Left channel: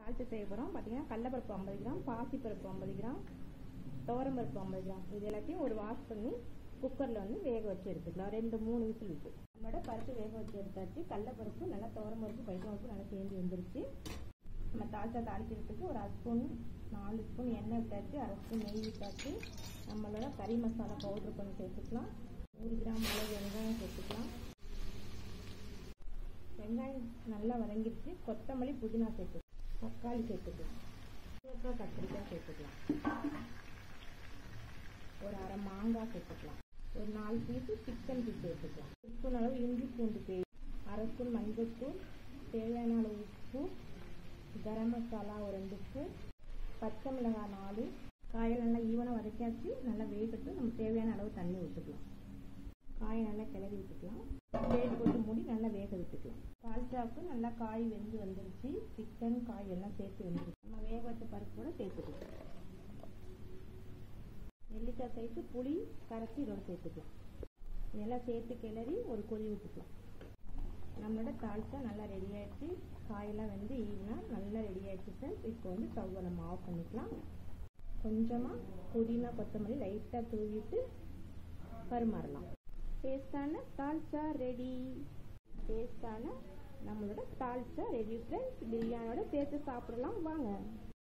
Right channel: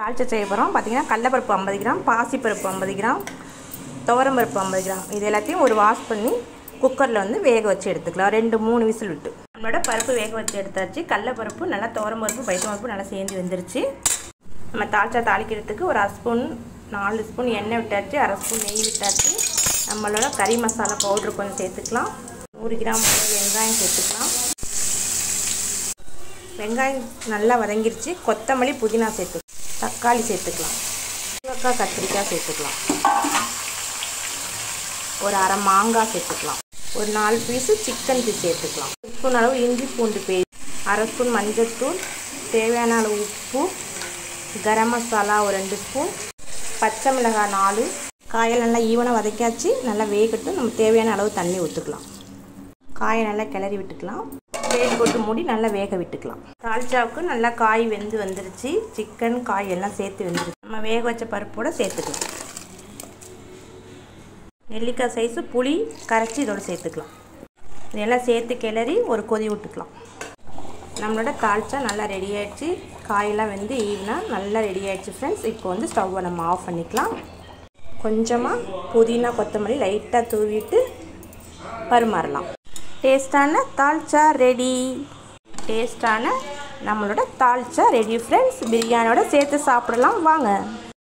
தாளிச்சை செய்ய போகிறோம். பார்த்திங்கன்னா கடலைப்பருப்பு 50 கிராம், பாசிப்பருப்பு 50 கிராம், துவரம்பருப்பு 50 கிராம். இது எல்லாத்தையும் ஒரு வாஷ் பண்ணி குக்கரில் வந்து வேக வச்சு எடுத்துக்கலாம். 2-3 விசில் விட்டு. நம்மளோட பருப்பு வேக வச்சு எடுத்தாச்சு. கடலைப்பருப்பு நல்லா துவரம்பருப்பு பைத்தம்பருப்பு நல்லா சேர்ந்து வெந்துருச்சு. நம்ம தாளிக்கிறதுக்கு ஒரு 1 ஸ்பூன் 4 ஸ்பூன் எண்ணெய் விட்டாச்சு, 1/2 ஸ்பூன் நெய் விட்டாச்சு. நம்மளோட கறி மசாலா பவுட்ரு கொஞ்சம் சேர்த்துக்கலாம். 100 கிராம் வெங்காயம் சேர்த்துக்கலாம். வெங்காயம் நல்லா வதங்கிருச்சு. கொத்தமல்லி புதினா சேர்த்துக்கலாம். தக்காளி சேர்த்துக்கலாம். முருங்கைக்காய் கத்திரிக்காய் சேர்த்துக்கலாம். ஒரு அரை மாங்காய் சேர்த்துக்கலாம். ஒரு 4 பீஸு சிக்கன் பீஸ் சேர்த்துக்கலாம். 1 ஸ்பூன் அளவு இஞ்சி பூண்டு பேஸ்ட், 1/2 ஸ்பூன் மஞ்சள்தூள், தேவையான அளவு உப்பு, கரம் மசாலா ஒரு 2 ஸ்பூன், பச்சை மிளகாய் 4. காயை நல்லா ஈவனாக வதக்கியாச்சு. நல்லா வேகட்டும். நம்ம தேவையான அளவு தண்ணி ஊற்றிக்கலாம். காயை நல்லா கிளறி விட்டுக்கலாம். பிளேட் போட்டு மூடி நல்லா வேக விட்டுக்கலாம். தாளிச்சாவுக்கு நல்லா காய் வெந்து வந்துருச்சு. சிக்கன் காய் எல்லாம் சேர்த்து வெந்துருச்சு. நம்ம வேக வச்ச பருப்போடு சேர்த்துக்கலாம். நெல்லிக்காய் சைஸு புளி கரைச்சி இதோடு சேர்த்துக்கலாம். இதெல்லாம் சேர்த்து கிளறி ஒரு கொதி விட்டுக்கலாம். நம்மளோட தாளிச்சா நல்லா ரெடி ஆகிடுச்சு. காயெல்லாம் வெந்து ஈவனாக நல்லா ரெடி ஆகிடுச்சு ஃப்ரெண்ட்ஸ். இப்போ வந்து ஸ்டவ்வை நம்ம ஆஃப் பண்ணிக்கலாம். கொஞ்சமாக புதினா கொத்தமல்லி லைட்டாக தூவிட்டு பரிமாறலாம். டேஸ்டான தால்ச்சா ரெடி. டேஸ்டான நம்மளோட தால்ச்சா ரெடி ஃப்ரெண்ட்ஸ். பிரியாணியோட சேர்த்து சாப்பிடலாம் வாங்க.